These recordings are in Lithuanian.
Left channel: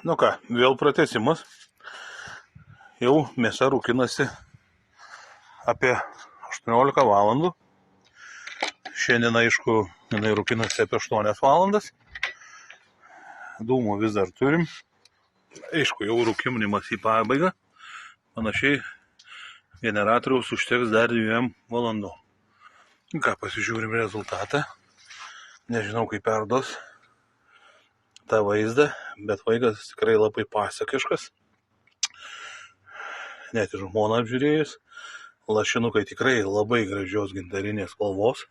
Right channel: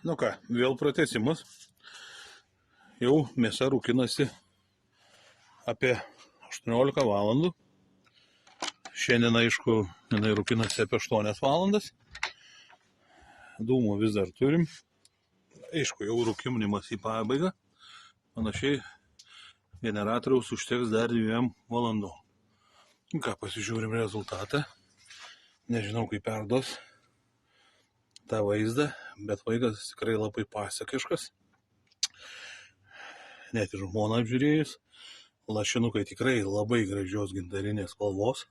Nu ką, vėl pratęsimas. Jau mėsa rūkinasi apie 18 valandų. Šiandien, aišku, jinai rūkinasi apie 8 valandas. Dūmų vis dar turim. Aišku, jau rūkinimas į pabaigą. Panašiai generatoriaus užteks dar 2 valandų. Ką, pasižiūrim rezultatą. Nežinau, kaip perduos tą vaizdą, bet vaizdas tikrai labai pasakiškas. Net ir žmona apžiūrėjus. Lašinukai tikrai labai gražios gintarinės spalvos.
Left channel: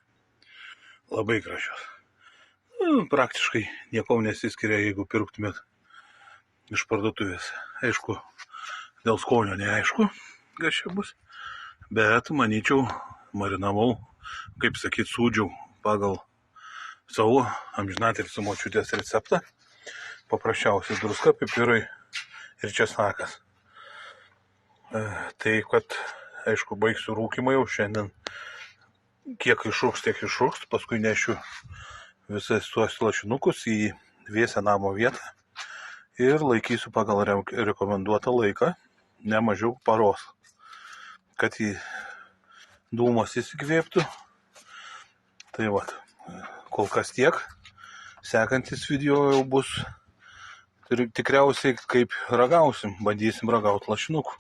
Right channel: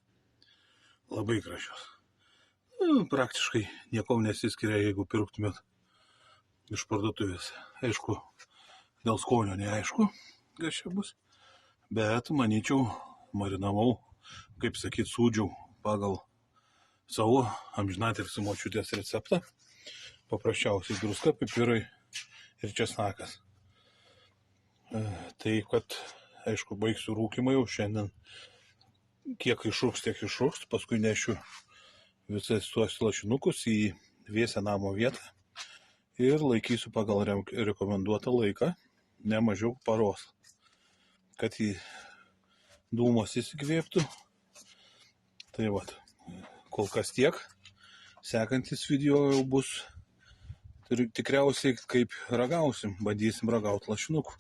Labai gražios. Praktiškai nieko nesiskiria, jeigu pirktumėt iš parduotuvės. Aišku, dėl skonio neaišku, kas čia bus. Bet, manyčiau, marinavau, kaip sakyt, sūdžiau pagal savo amžinatilsį močiutės receptą. Paprasčiausiai druska, pipirai ir česnakas. Tai, kad, aišku, baigsiu rūkimą jau šiandien. Kiek išrūks, tiek išrūks. Paskui nešiu visais tuos lašinukus į vėsią namo vietą. Ir laikysiu pagal rekomenduotą laiką, ne mažiau paros. Kad į dūmas įsikvėptų. Tai va, kol kas tiek. Sekantis video jau bus tikriausiai kaip ragausim, bandysim ragauti lašinukų.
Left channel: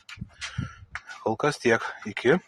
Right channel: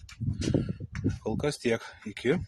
Kol kas tiek, iki.